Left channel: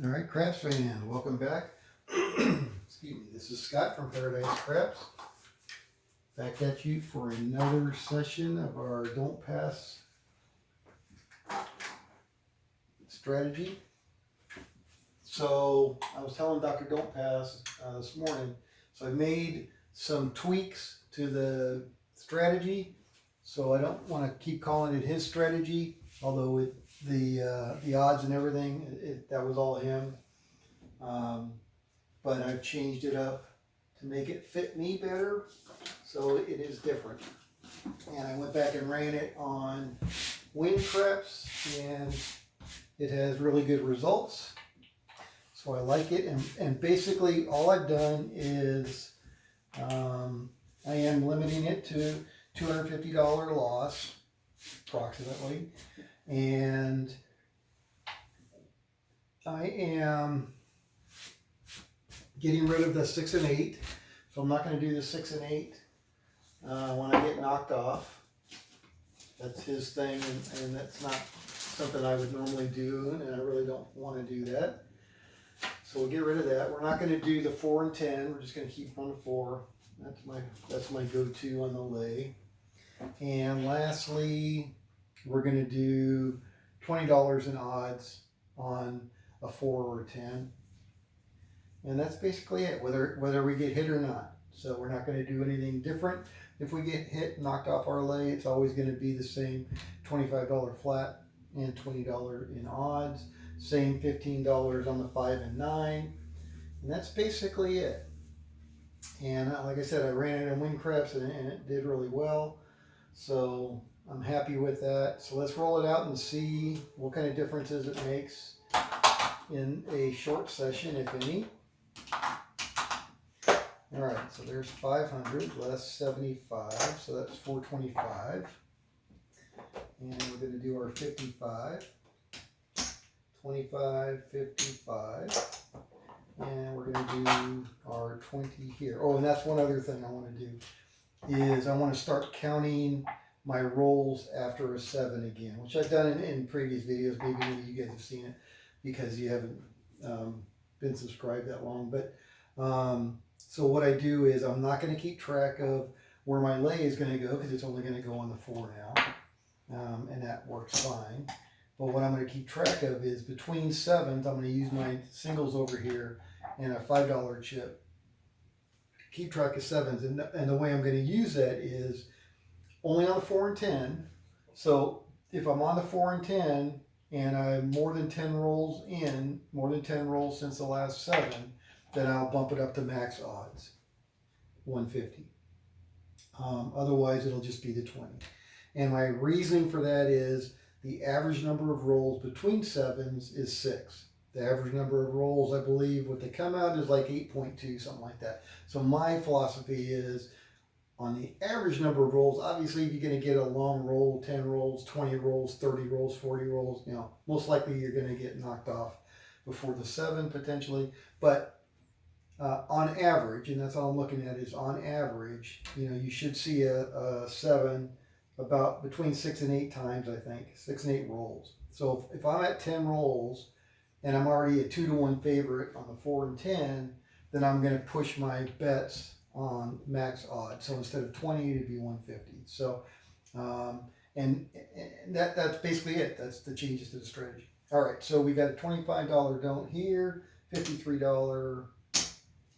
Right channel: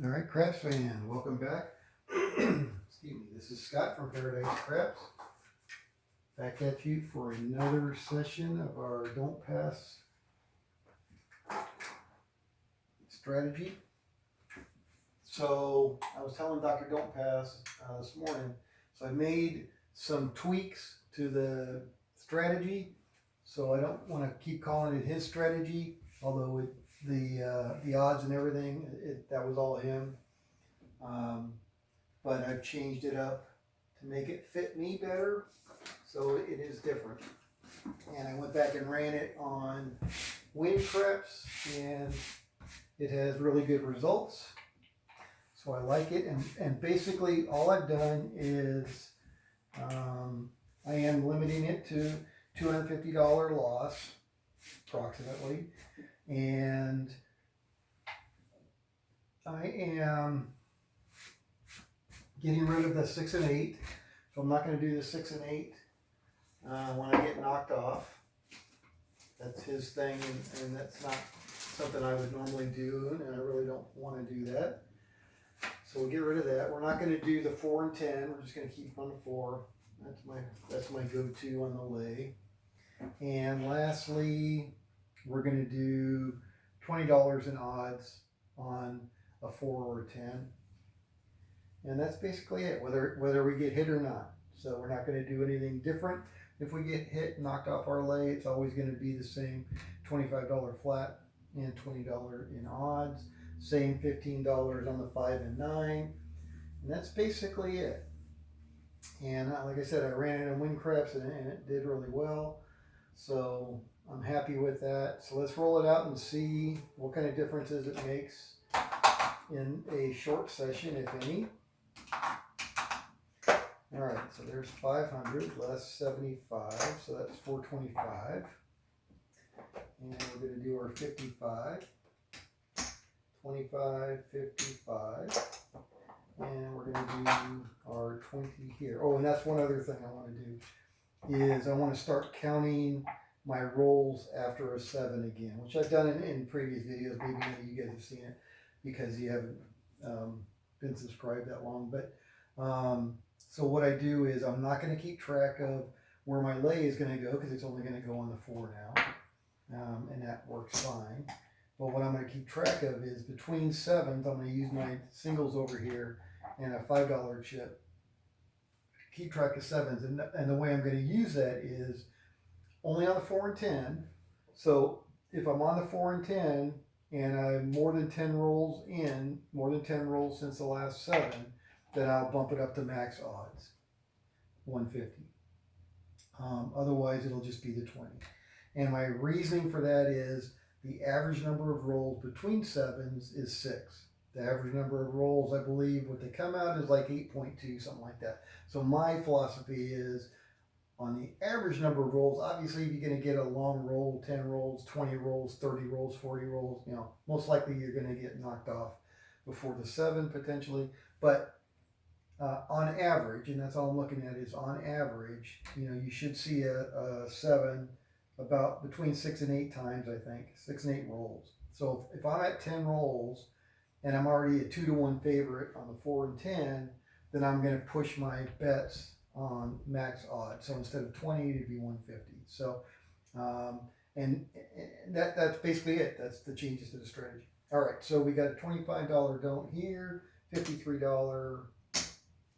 All right, Craps fans, welcome back. Excuse me, this is Scott from Paradise Craps. Back at you for another session of our Don't Pass strategy. So I was telling Dr. Don't Pass this morning, so I made some tweaks to the strategy. So I don't want to keep calling it his strategy, although the odds and everything, that was all him. But I've changed it up to make it fit me better, so it is different. And I went back and ran it on WinCreps, and it has really good results. So I like it, and basically all I've done is I am limiting it to $250 loss, approximately, and I am getting rid of the 6 and 8, so I'm not going to do the 6 and 8 when I get knocked off. That's his thing, and that's not something I would normally do, and I really don't want to do that. So we'll get rid of that. We're not going to do the 4 and 10. We're just going to keep on the 4. That's my go-to on the lay. And lastly, we're going to do $20 in odds on a 4 or a 10. And that's basically it, whether we get hit or not. So we're not going to do anything different. If we get hit, knocked off our lay, it's always going to be the same $25 flat and $20 in odds. Same $15 on the 5 and 9. And that's basically it. And like I said, I ran it in WinCreps and it did really well. So I'm happy with that. So let's roll it out and see what kind of differences it makes in a short session, if any. All right, so there's 500 less 75, so that's 425. And we're going to do our 55, 25, 55. And we're going to do our 20 here. Oh, and that's one other thing I want to do is I want to start counting my rolls after a 7 again, which I've done in previous videos. Maybe none of you guys have seen it because you haven't been subscribed that long. But so what I do is I'm not going to keep track of where my lay is going to go because it's only going to go on the 4 now, and that works fine. But what I'm going to keep track of is between 7s, I'm going to use my singles over here and a $5 chip. Keep track of 7s, and the way I'm going to use that is only on the 4 and 10. So if I'm on the 4 and 10 and I'm more than 10 rolls in, more than 10 rolls since the last 7, then I'll bump it up to max odds, 150. Otherwise, it'll just be the 20. And my reasoning for that is the average number of rolls between 7s is 6. The average number of rolls, I believe, what they come out is like 8.2, something like that. So my philosophy is on the average number of rolls, obviously you're going to get a long roll, 10 rolls, 20 rolls, 30 rolls, 40 rolls, most likely you're going to get knocked off before the 7 potentially. But on average, and that's all I'm looking at is on average, you should see a 7 about between 6 and 8 times, I think, 6 and 8 rolls. So if I'm at 10 rolls and I'm already a 2-to-1 favorite on the 4 and 10, then I'm going to push my bets on max odds. So instead of 20, it'd be 150. So, and that's basically it. That's the changes to the strategy. All right, so we got a $25 don't here, $53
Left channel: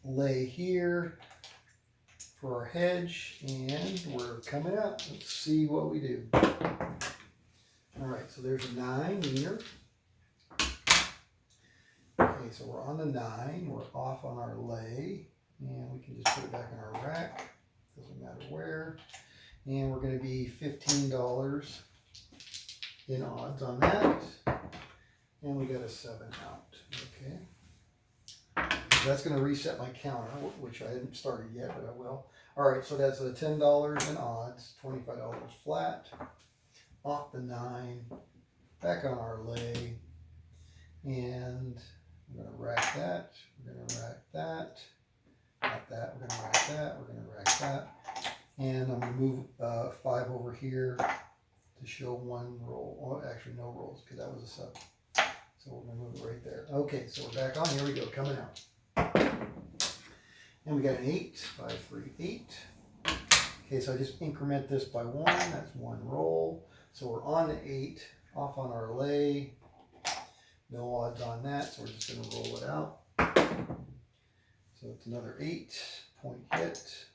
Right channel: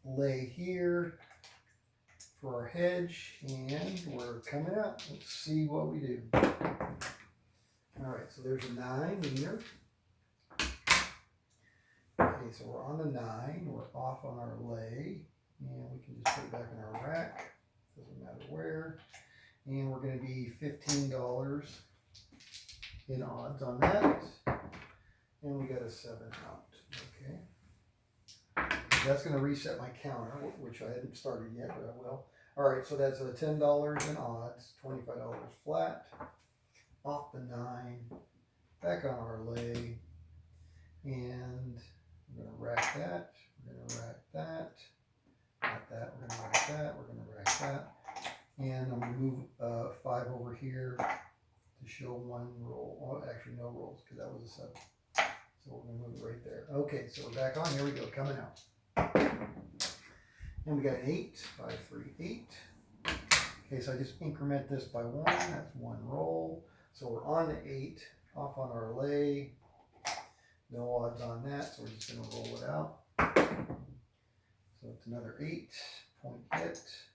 lay here for our hedge, and we're coming up. Let's see what we do. All right, so there's a 9 here. Okay, so we're on the 9. We're off on our lay, and we can just put it back in our rack. Doesn't matter where. And we're going to be $15 in odds on that. And we got a 7 out. Okay. That's going to reset my counter, which I hadn't started yet, but I will. All right, so that's a $10 in odds, $25 flat, off the 9, back on our lay, and we're going to rack that, we're going to rack that, not that, we're going to rack that, we're going to rack that, and I'm going to move 5 over here to show 1 roll, oh, actually no rolls, because that was a 7. So we're gonna move it right there. Okay, so we're back on, here we go, coming out. And we got an 8, 5, 3, 8. Okay, so I just increment this by 1, that's 1 roll. So we're on the 8, off on our lay. No odds on that, so we're just gonna roll it out. So it's another 8, point hit.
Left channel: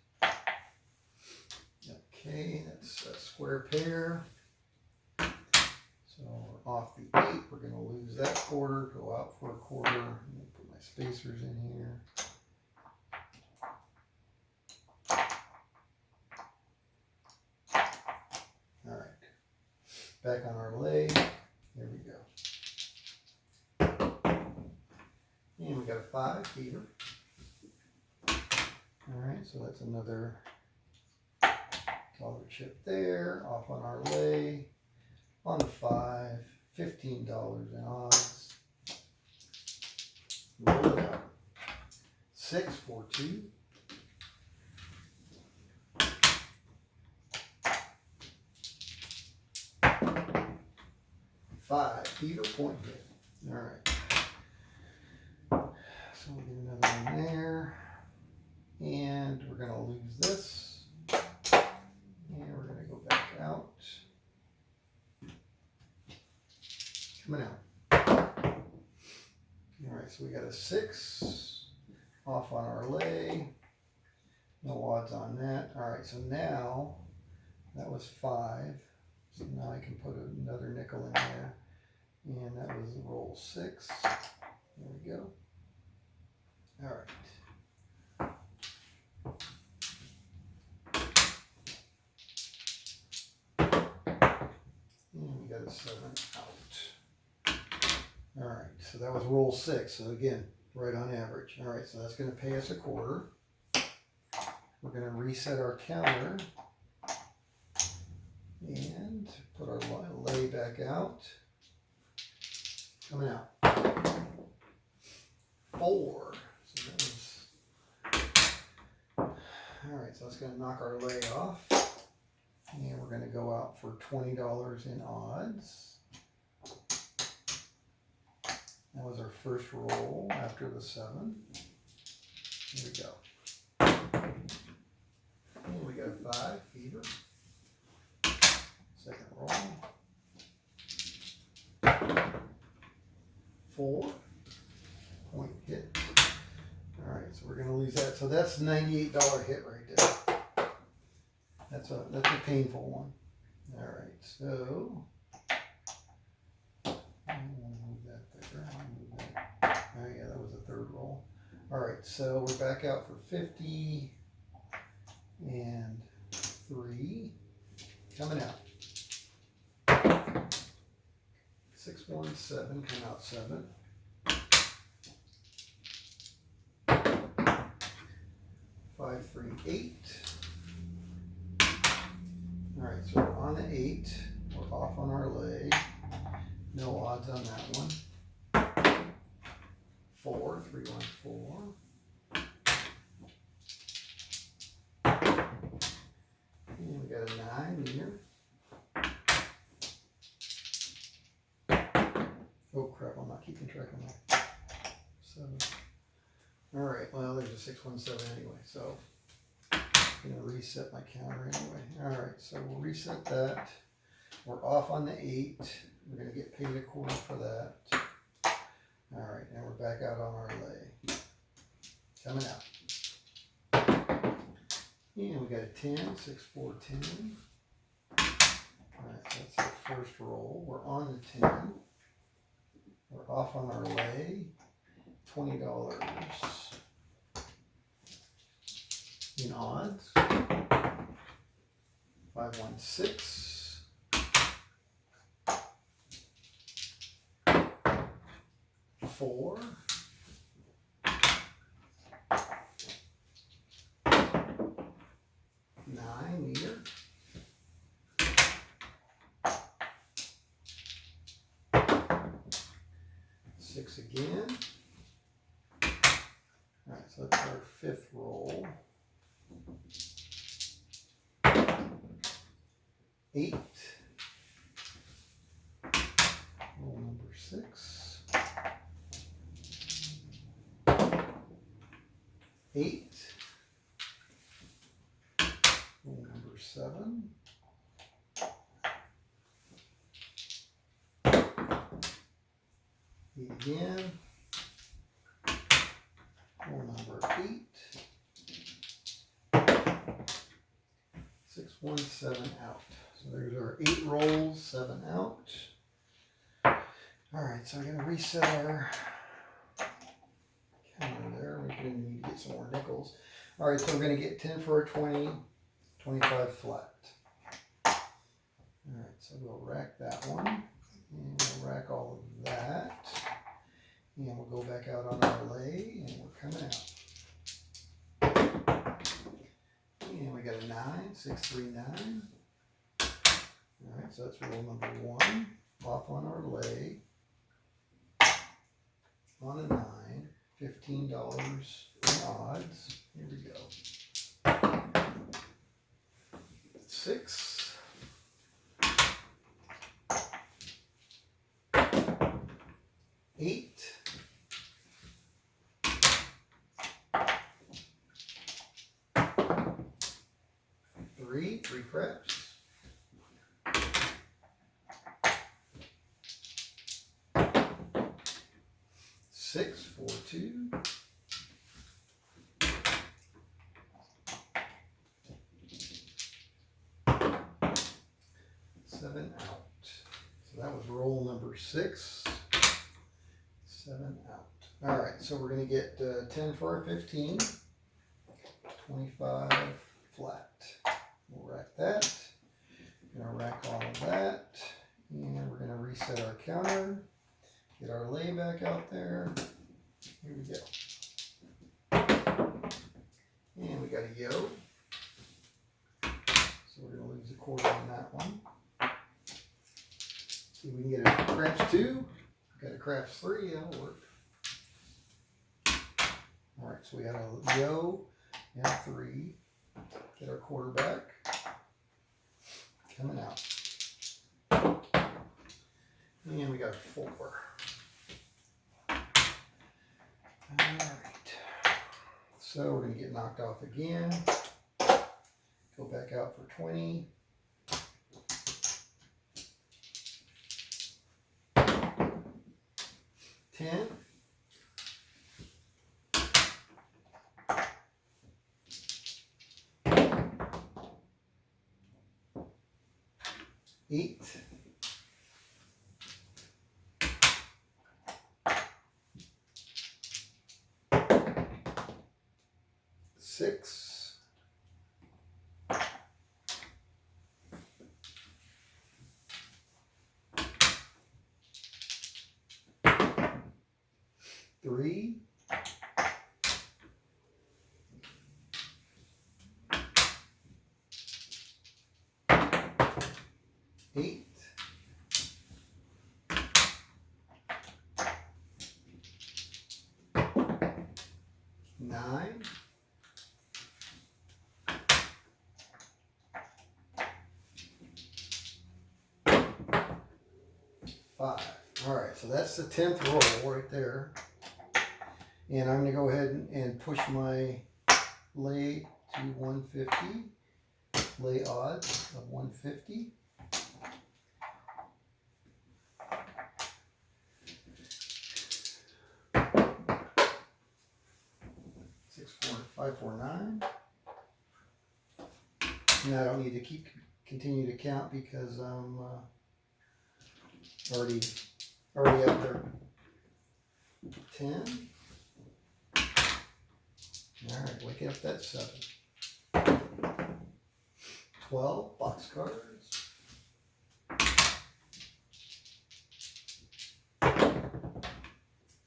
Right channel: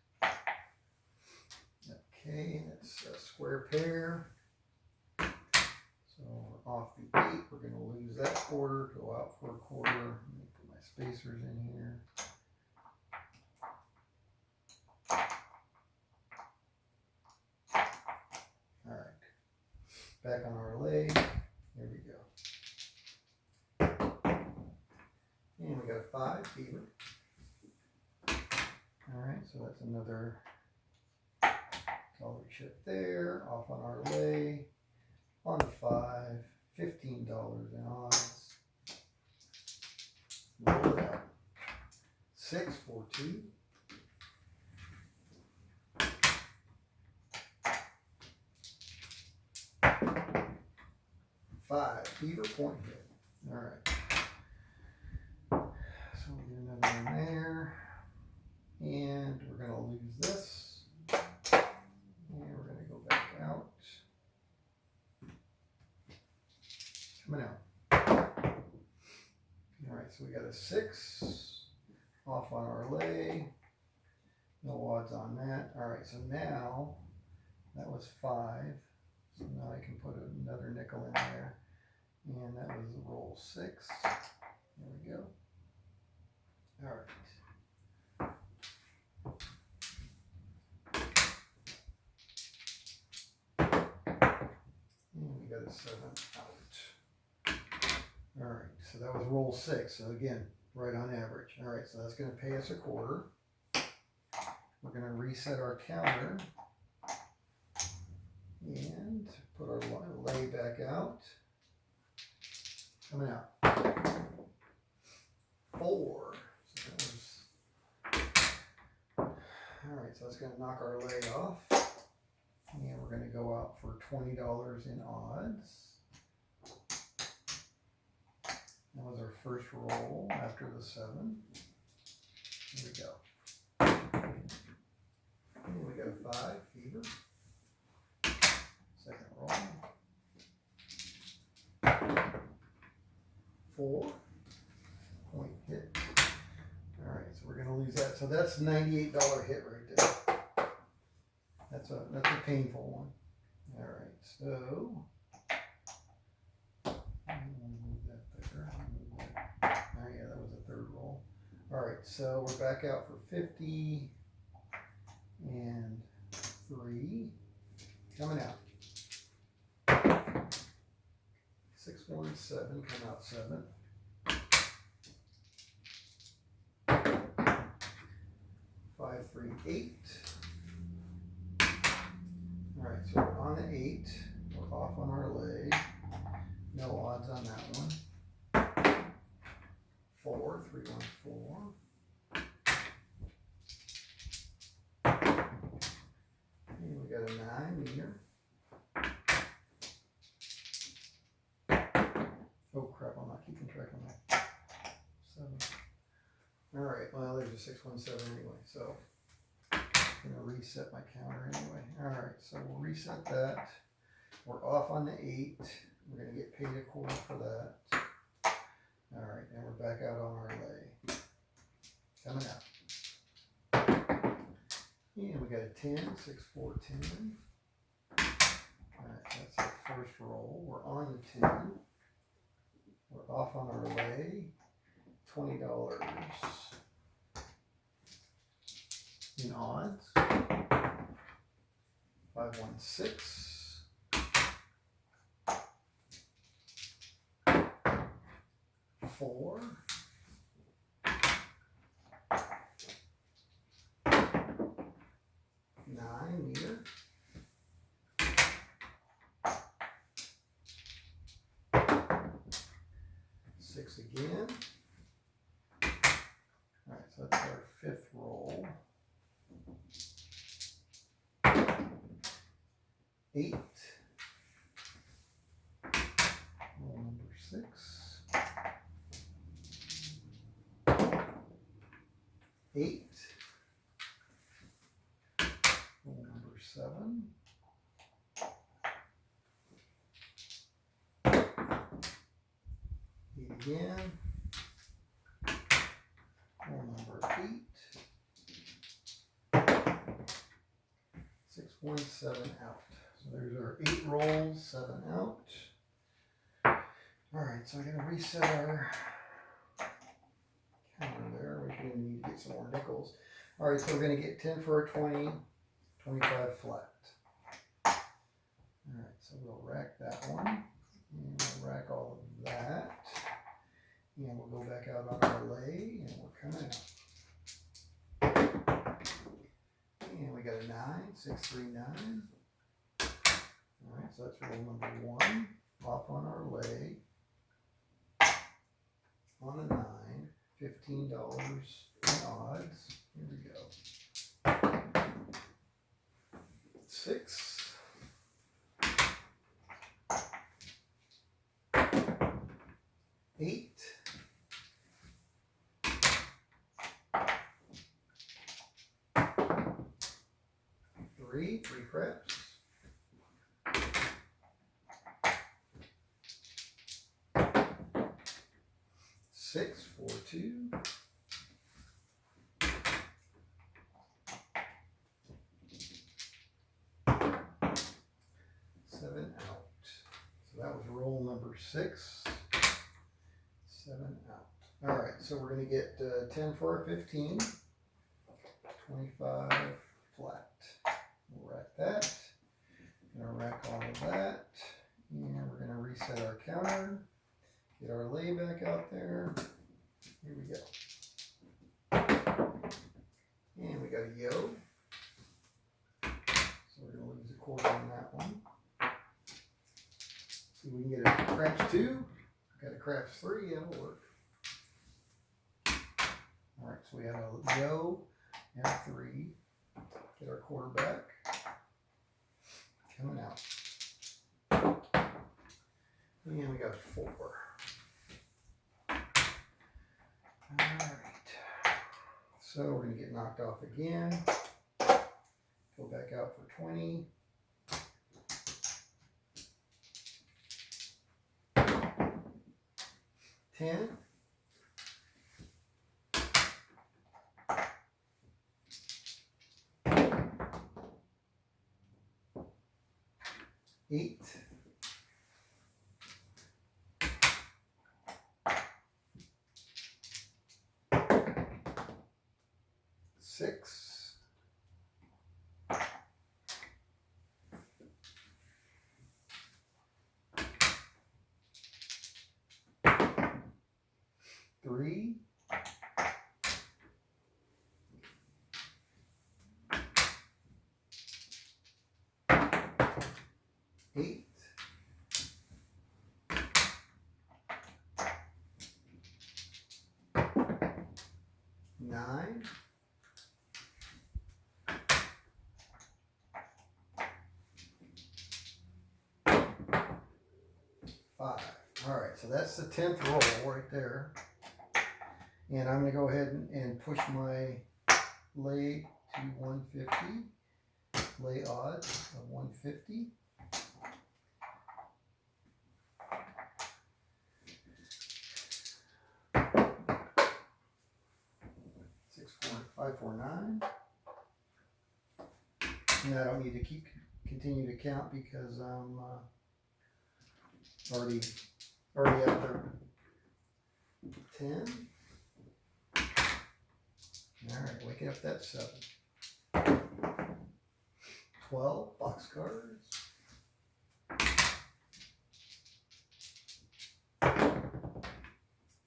Okay, that's a square pair. So we're off the 8, we're gonna lose that quarter, go out for a quarter. I'm gonna put my spacers in here. All right, back on our lay, there we go. And we got a 5, fever. All right, so that's another dollar chip there, off on our lay, on the 5, $15 in odds. Roll it out. 6, 4, 2. 5, fever, point hit. All right. So we'll get another one there. And we're going to lose this. And we're going to go back out. Coming out. All right, so we got a 6 off on our lay. No odds on that. All right, so now that was 5. So now I can put another nickel in there. And that was roll 6. There we go. All right. And we got a 7 out. All right, so that was roll 6. So again, right on average. All right, so that's going to pay us a quarter. We're going to reset our counter and put our lay back out. Coming out. 4. So that was. All right, so that's going to knock our lay off. And we're going to go out for $20 in odds. That was our first roll after the 7. Here we go. And we got a 5, fever. Second roll. 4, point hit. All right, so we're going to lose that. So that's a $98 hit right there. That's a painful one. All right, so I'm going to move that there. Oh yeah, that was a third roll. All right, so we're back out for 50 and 3. Coming out. 6, 1, 7. Come out 7. 5, 3, 8. All right, so we're on the 8. We're off on our lay. No odds on that one. 4, 3, 1, 4. And we got a 9 here. Oh crap, I'm not keeping track of my 7. All right, well, there's a 6, 1, 7 anyway, so I'm going to reset my counter anyway. All right, so we'll reset that. We're off on the 8. We're going to get paid a quarter for that. All right, and we're back out on our lay. Coming out. And we got a 10, 6, 4, 10. All right, so that's our first roll. We're on the 10. We're off on our lay. $20 in odds. 5, 1, 6. 4. 9 meter. 6 again. All right, so that's our 5th roll. 8. Roll number 6. 8. Roll number 7. 8 again. Roll number 8. 6, 1, 7 out. So there's our 8 rolls, 7 out. Alright, so we're going to reset our counter there. We're going to need to get some more nickels. Alright, so we're going to get 10 for a 20, 25 flat. Alright, so we'll rack that one. And we'll rack all of that. And we'll go back out on our lay, and we're coming out. And we got a 9, 6, 3, 9. Alright, so that's roll number 1. Off on our lay. On a 9, $15 in odds. Here we go. 6. 8. 3 craps. 6, 4, 2. 7 out. So that was roll number 6. 7 out. All right, so we're going to get 10 for a 15. 25 flat. We'll rack that. We're going to rack all of that. And we're going to reset our counter. Get our lay back out there. Here we go. And we got a yo. So we're going to lose a quarter on that one. See if we can get a craps 2. Got a craps 3. That'll work. Alright, so we had a yo and a 3. Get our quarter back. Coming out. And we got a 4. Alright. So we're going to get knocked off again. Go back out for 20. 10. 8. 6. 3. 8. 9. 5. All right, so that's the 10th roll right there. And I'm going to go ahead and push my lay to 150. Lay odds of 150. 6, 4, 5, 4, 9. And I don't need to continue to count because I'm already up there. 10. All right, waking up that 7. 12 box cards.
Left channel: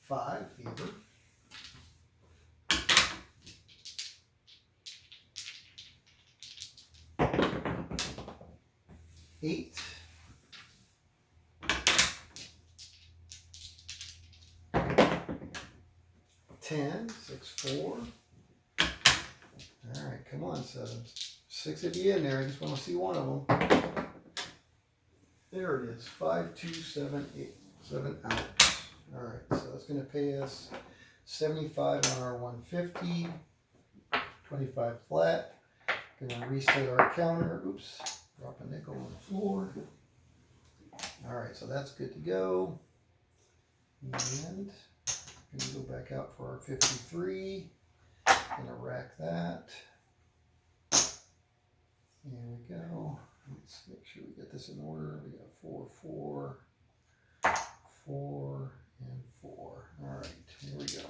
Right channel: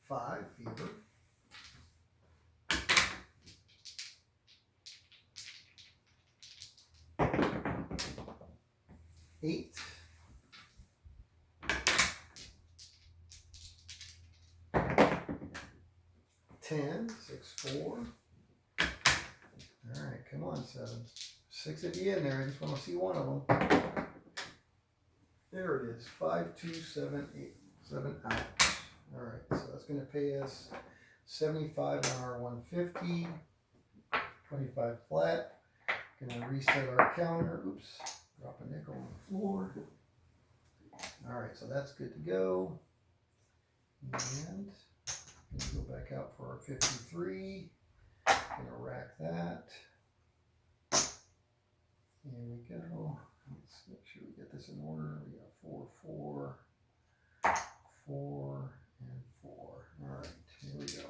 5 fever. 8. 10, 6, 4. All right, come on, 7s. 6 at the end there. I just want to see one of them. There it is. 5, 2, 7, 8. 7 out. All right, so that's going to pay us 75 on our 150. 25 flat. Gonna reset our counter. Oops, drop a nickel on the floor. All right, so that's good to go. And gonna go back out for our 53. Gonna rack that. There we go. Let's make sure we get this in order. We got 4, 4, 4, and 4. All right, here we go.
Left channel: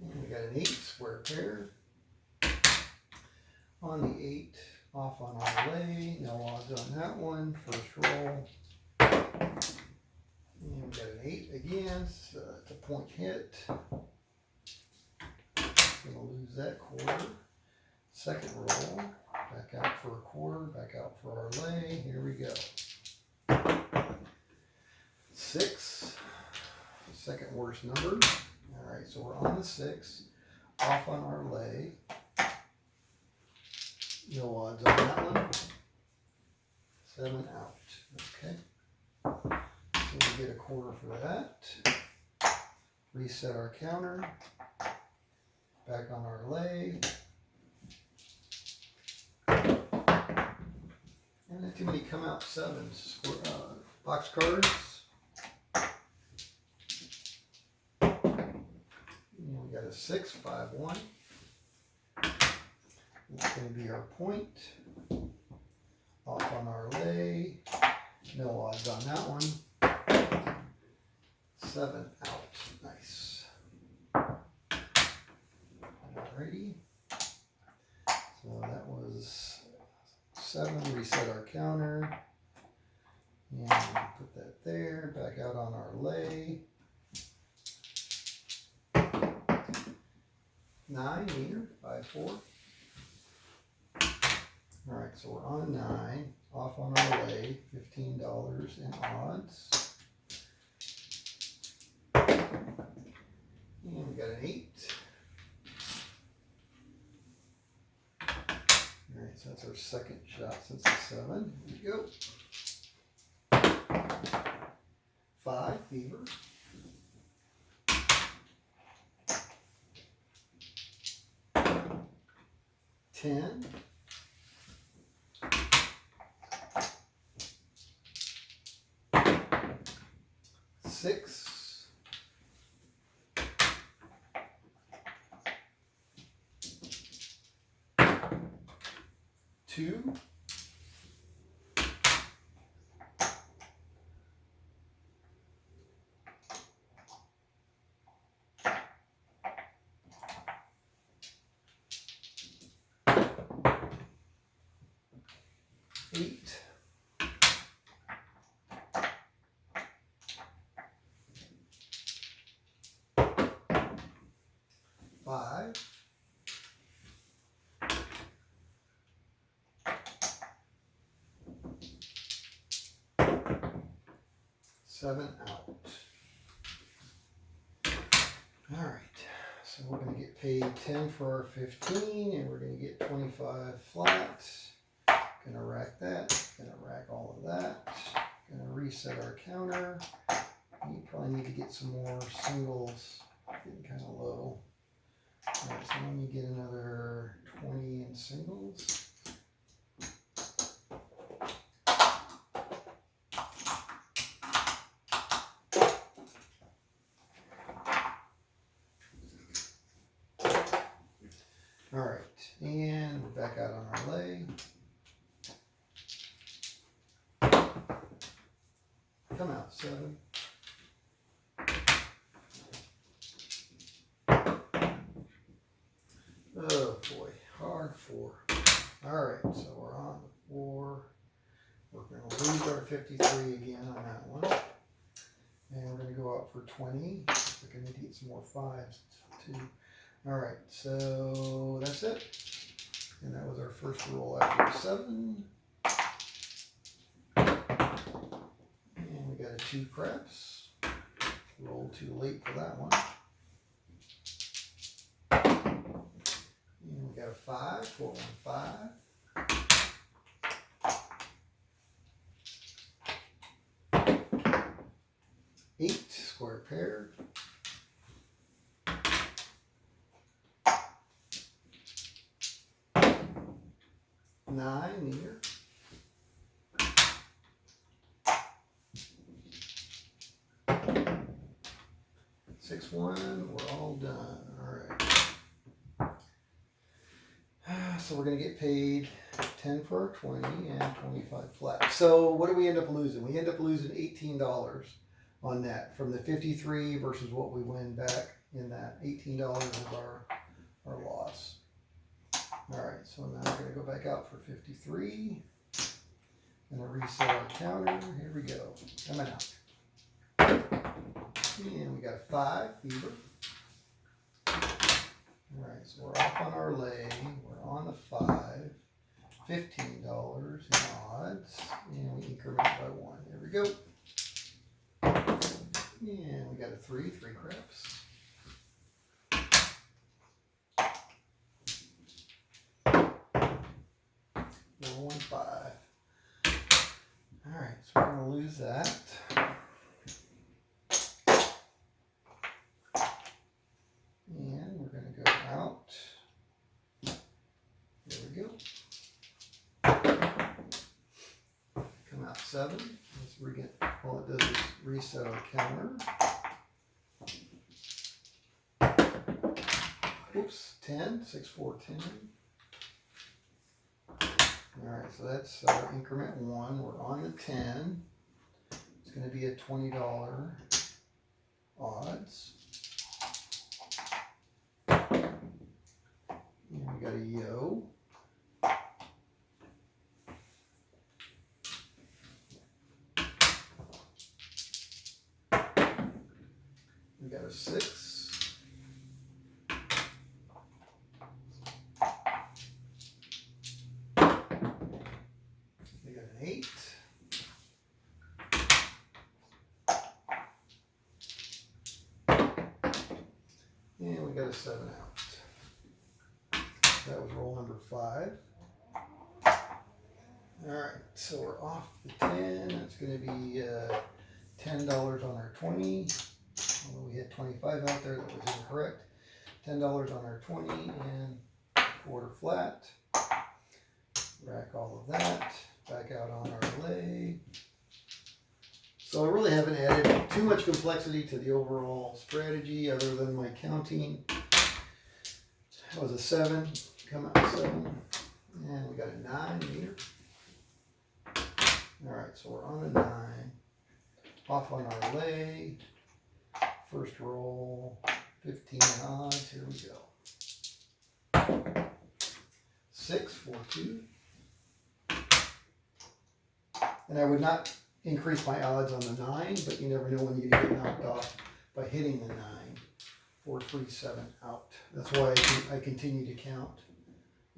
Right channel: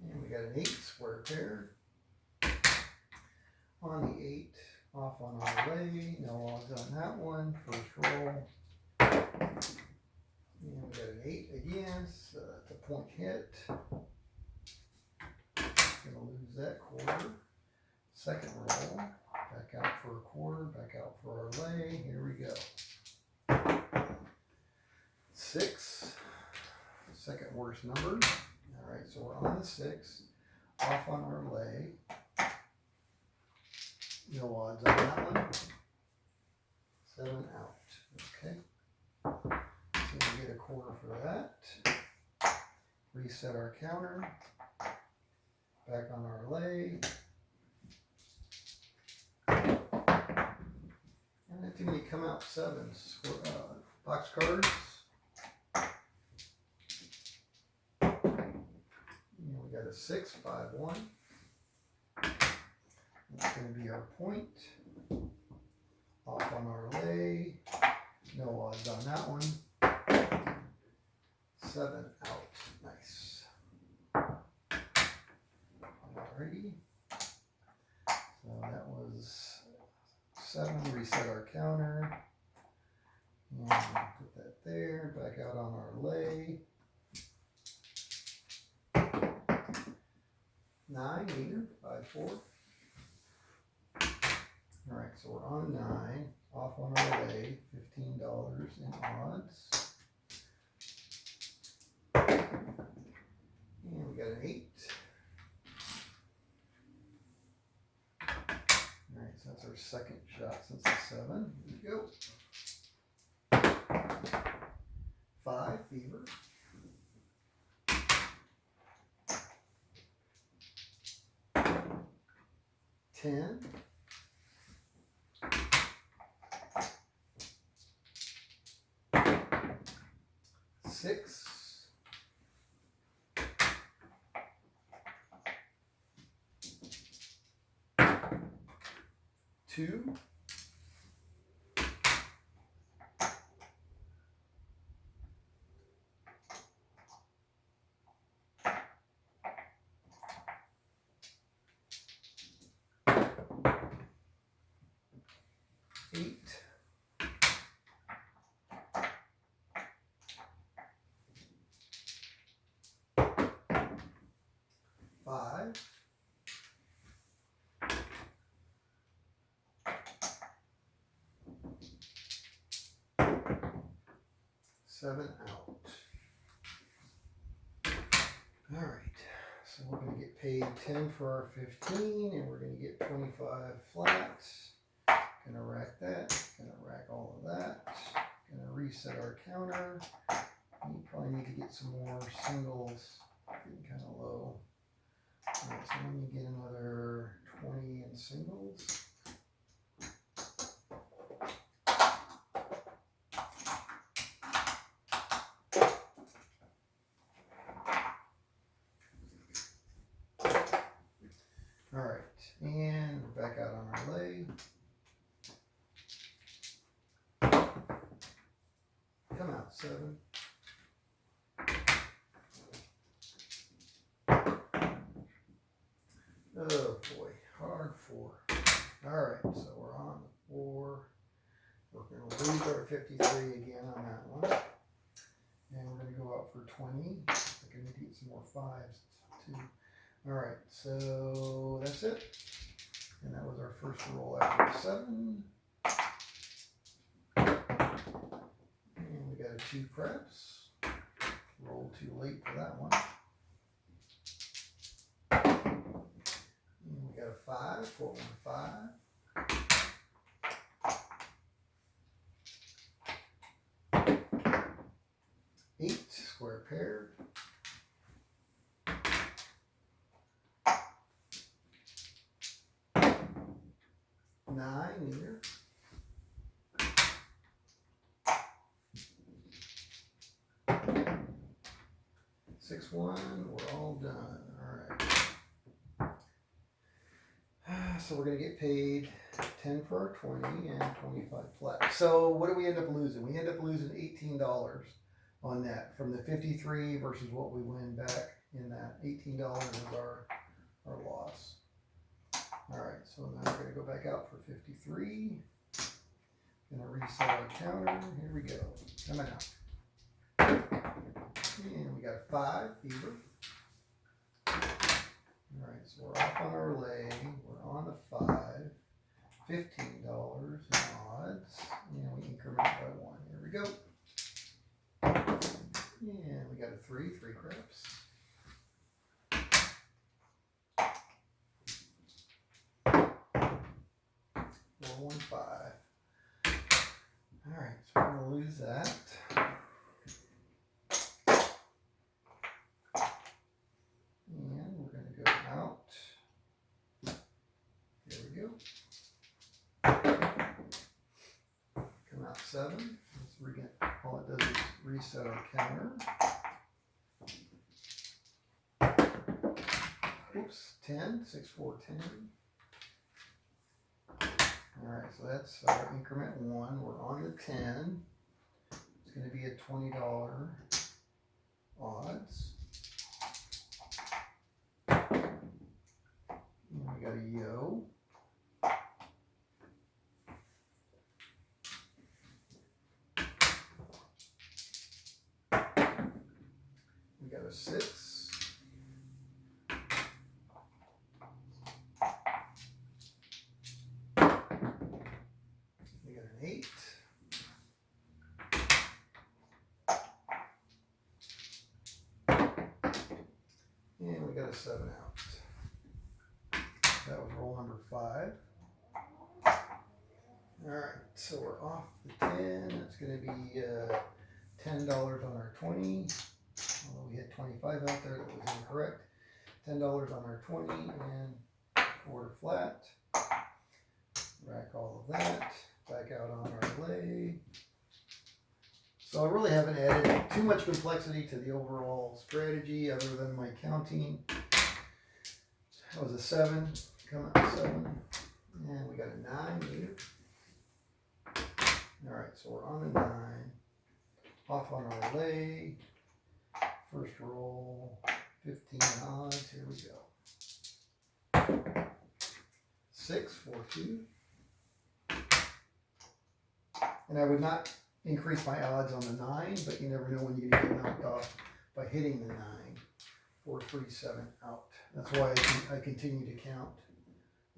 And we got an 8 square pair. On the 8, off on our lay. No odds on that one. First roll. And we got an 8 again, so that's a point hit. Gonna lose that quarter. Second roll, back out for a quarter, back out for our lay. Here we go. 6, second worst number. All right, so we're on the 6, off on our lay. No odds on that one. 7 out. Okay. So we get a quarter for that. Reset our counter. Back on our lay. And not too many come out 7s. Box cards. And we got a 6, 5, 1. It's going to be our point. Off on our lay. No odds on that one. 7 out. Nice. Alrighty. So that was 7. Reset our counter. And put that there. Back out on our lay. 9 meter. 5, 4. Alright, so we're on 9, off on our lay, $15 in odds. And we got an 8. Alright, so that's our second shot since the 7. Here we go. 5, fever. 10. 6, 2, 8, 5, 7 out. All right, so we're going to get paid 10 for our 15, and we're going to get 25 flat. Going to rack that. Going to rack all of that. Going to reset our counter. You probably need to get some more singles. Getting kind of low. All right, so let me get another 20 in singles. All right, and we're back out on our lay. Come out, 7. Oh boy, hard 4. All right, so we're on the 4. We're going to lose our 53 again on that one. And we're going to go out for 20. We're going to need to get some more 5s too. All right, so that's it. And that was our first roll after 7. And we got a 2 craps. Rolled too late for that one. And we got a 5, 4, 1, 5. 8 square pair. next one, we're all done. All right. So we're going to get paid 10 for our 20 and 25 flat. So what do we end up losing? We end up losing $18 on that from the 53 versus what we win back in that. $18 is our loss. All right, so now we're going to go back out for 53. And I reset our counter. Here we go. Coming out. And we got a 5 fever. All right, so we're off on our lay. We're on the 5. $15 in odds. And we increment by 1. There we go. And we got a 3 craps. 415. All right, so we're going to lose that. And we're going to go out. Here we go. Come out 7. All it does is reset our counter. Oops, 10, 6, 4, 10. All right, so that's our increment 1. We're on the 10. It's going to be a $20 odds. And we got a yo. We got a 6. We got an 8. And we got a 7 out. That was roll number 5. All right, so we're off the 10. It's going to be $10 on our 20. Although we had 25 out there, that was incorrect. $10 on our 20 and quarter flat. Rack all of that. Back out on our lay. So I really haven't added too much complexity to the overall strategy other than my counting. That was a 7. Come out 7. And we got a 9 meter. All right, so we're on a 9. Off on our lay. First roll, 15 odds. Here we go. 6, 4, 2. And I would not increase my odds on the 9, but you never know when you get knocked off by hitting the 9. 4, 3, 7 out. That's why I continue to count,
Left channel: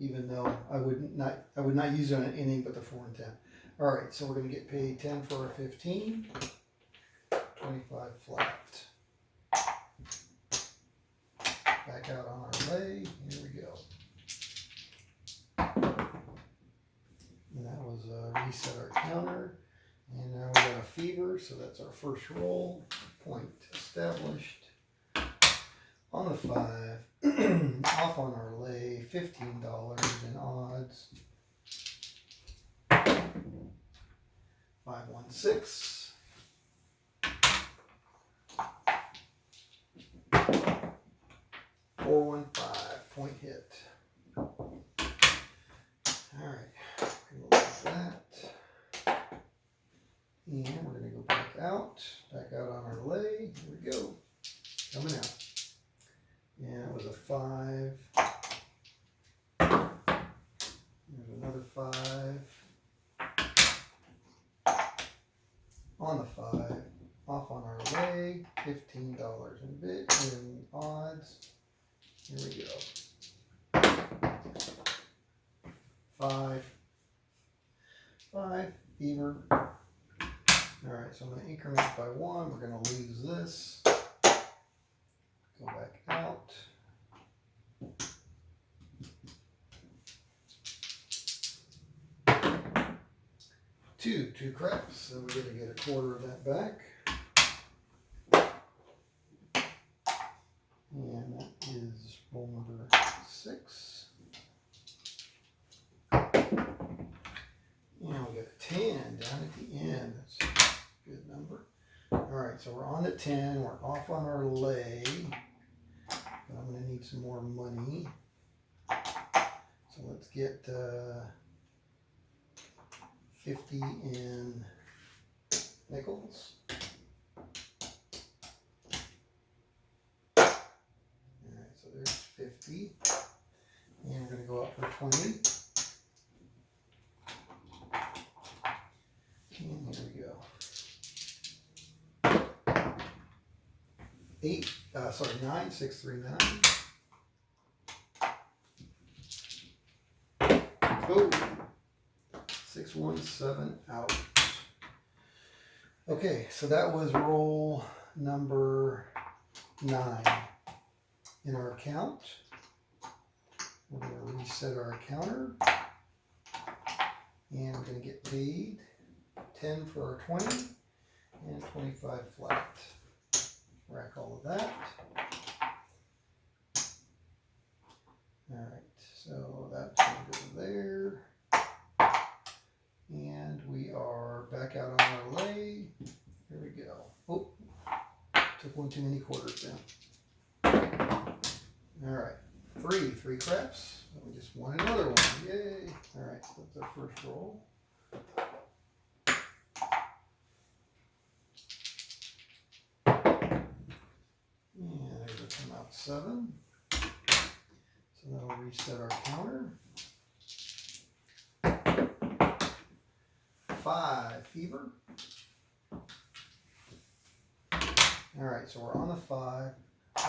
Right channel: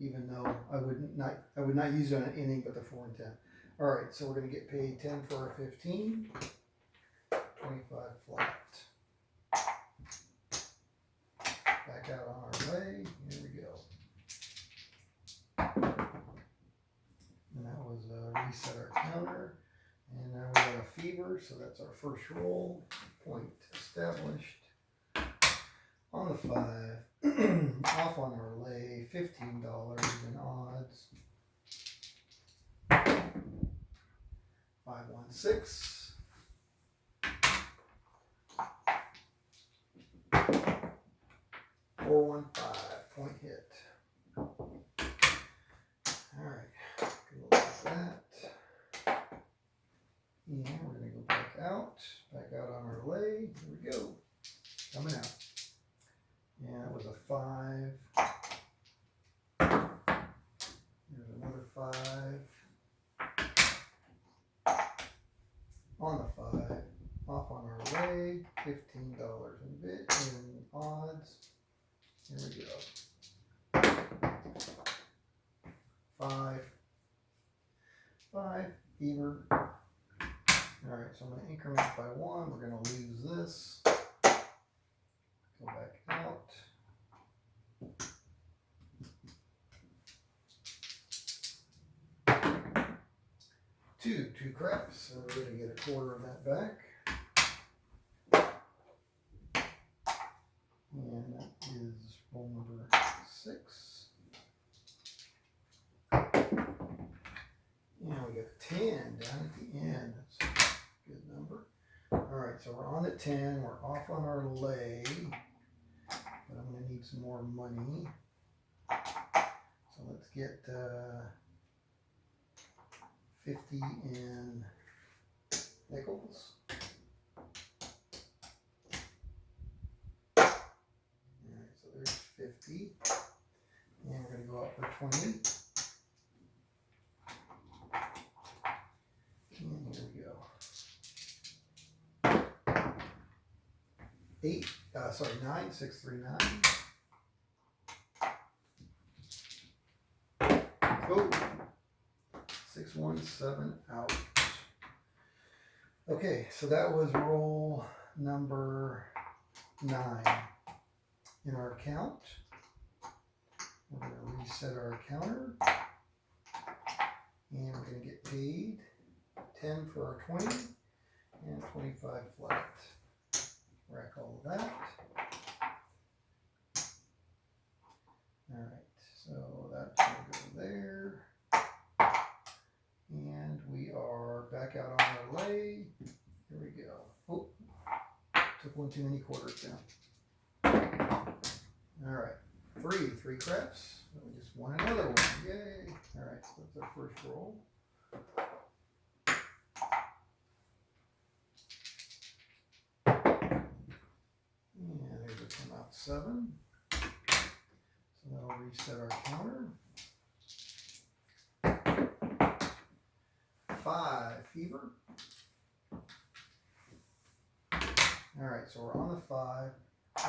even though I would not use it on anything but the 4 and 10. All right, so we're going to get paid 10 for a 15, 25 flat. Back out on our lay. Here we go. And that was reset our counter. And now we got a fever, so that's our first roll. Point established. On the 5. Off on our lay. $15 in odds. 516. 415. Point hit. All right. Go like that. And we're going to go back out on our lay. Here we go. Coming out. And it was a 5. There's another 5. On the 5. Off on our lay. $15 in bit in odds. Here we go. 5. Fever. All right, so I'm going to increment by 1. We're going to lose this. Go back out. Two craps, so we're going to get a quarter of that back. And that is roll number 6. And we got a 10 down at the end. That's a good number. All right, so we're on the 10. We're off on our lay. But I'm going to need some more money. So let's get 50 in nickels. Alright, so there's 50. And we're going to go up for 20. And here we go. 9, 6, 3, 9. Oh, 6, 1, 7, out. Okay, so that was roll number 9. In our account, we're going to reset our counter, and we're going to get paid 10 for our 20 and 25 flat. Rack all of that. Alright, so that's going to go there. And we are back out on our lay. Here we go. Oh, took one too many quarters down. Alright, 3 craps. So we just won another one. Yay! Alright, so that's our first roll. And there's a come out 7. So that'll reset our counter. 5 fever. Alright, so we're on the 5.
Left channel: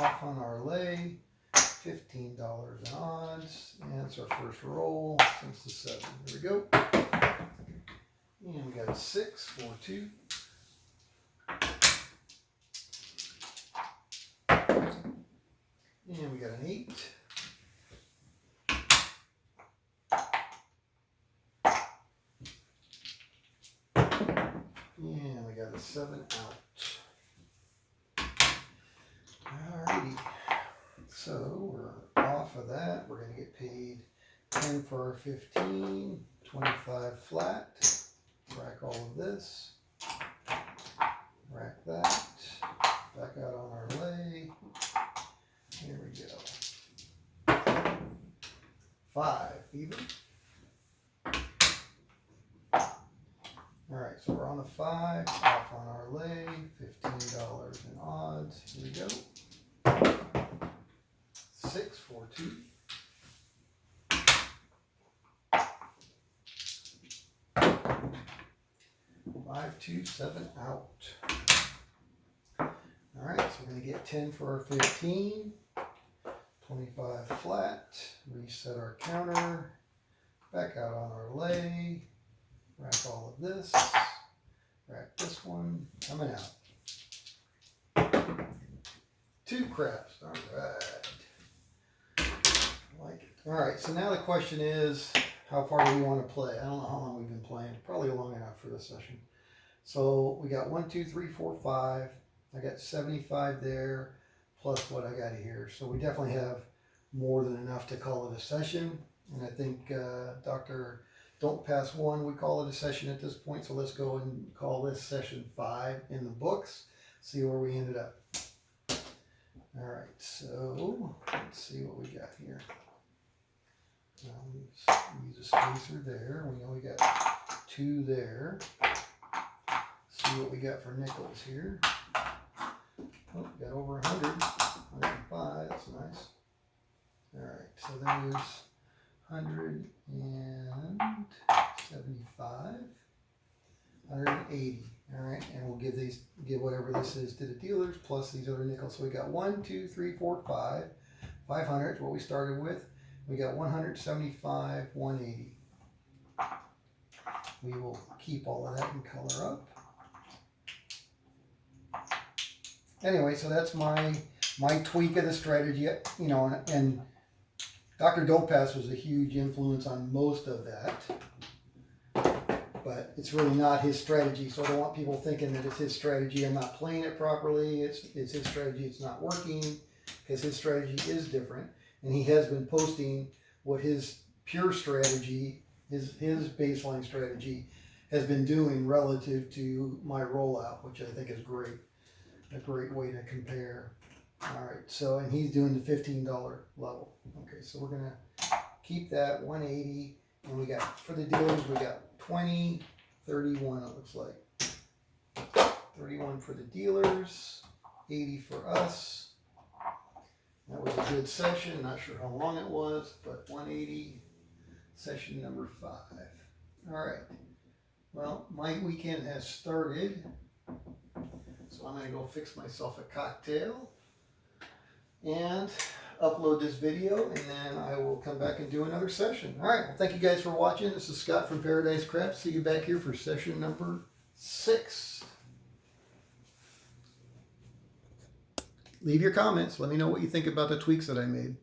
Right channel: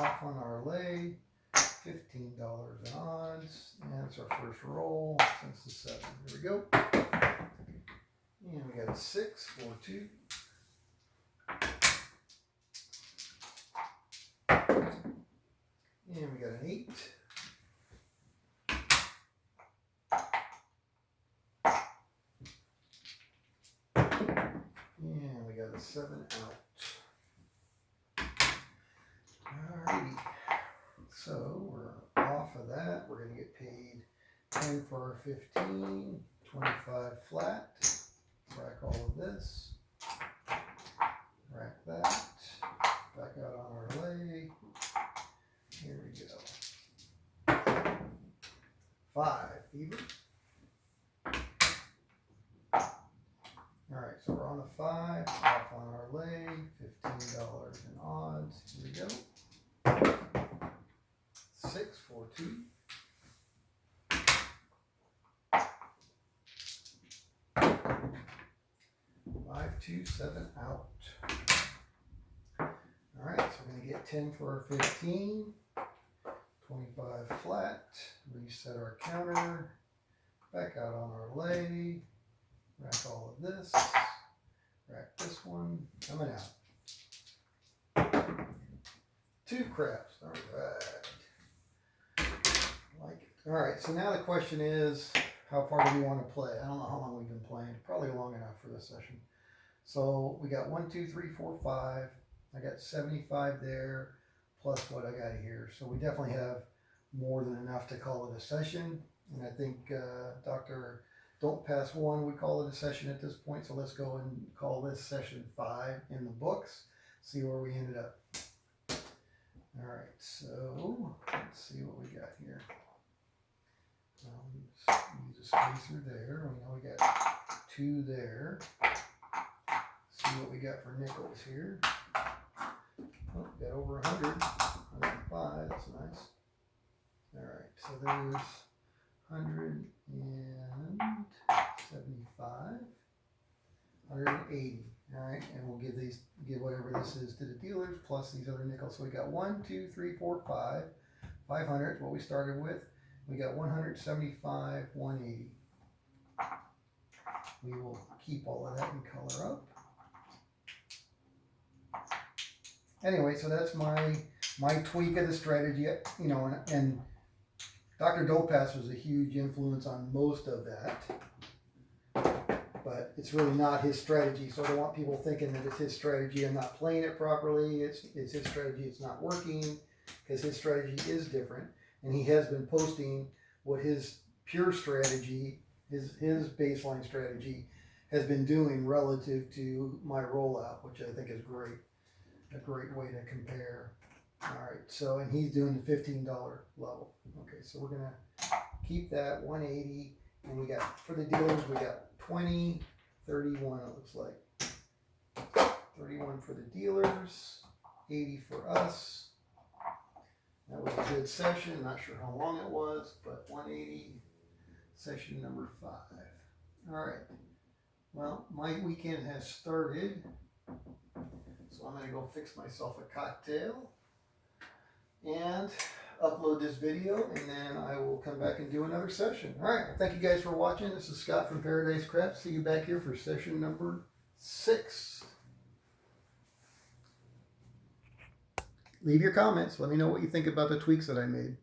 Off on our lay. $15 in odds, and it's our first roll since the 7. Here we go. And we got a 6, 4, 2. And we got an 8. And we got a 7 out. Alrighty. So we're off of that. We're going to get paid 10 for our 15, 25 flat. Rack all of this. Rack that. Back out on our lay. Here we go. 5 fever. Alright, so we're on the 5. Off on our lay. $15 in odds. Here we go. 6, 4, 2. Five, 2, 7 out. Alright, so we're going to get 10 for our 15. 25 flat. Reset our counter. Back out on our lay. Rack all of this. Rack this one. Coming out. 2 craps. Alright. Like it. Alright, so now the question is, how far do we want to play? I don't know how long we've been playing. Probably long enough for this session. So we got 1, 2, 3, 4, 5. I got 75 there, plus what I got here. So we definitely have more than enough to call it a session. And I think Dr. Don't Pass 1, we call it a session at this point. So let's go and call this session 5 in the books. See where we ended up. All right, so let's see what we got here. Use a spacer there. We know we got 2 there. See what we got for nickels here. Oh, we got over 100. 105, that's nice. All right, so there's 175, 180. All right, and we'll give whatever this is to the dealers plus these other nickels. So we got 1, 2, 3, 4, 5. 500 is what we started with. We got 175, 180. We will keep all of that and color up. Anyway, so that's my tweak of the strategy, you know, and Dr. Don't Pass was a huge influence on most of that. But it's really not his strategy, so I don't want people thinking that it's his strategy and not playing it properly. It's his strategy, it's not working, because his strategy is different. And he has been posting what his pure strategy, his baseline strategy, has been doing relative to my rollout, which I think is great. a great way to compare. All right, so, and he's doing the $15 level. Okay, so we're gonna keep that 180, and we got, for the dealers, we got 20, 31, it looks like. 31 for the dealers, 80 for us. That was a good session, not sure how long it was, but 180, session number 5. All right, well, my weekend has started, so I'm gonna go fix myself a cocktail and upload this video, and then I will come back and do another session. All right, well, thank you guys for watching. This is Scott from Paradise Craft. See you back here for session number 6. Leave your comments. Let me know what you think about the tweaks that I made.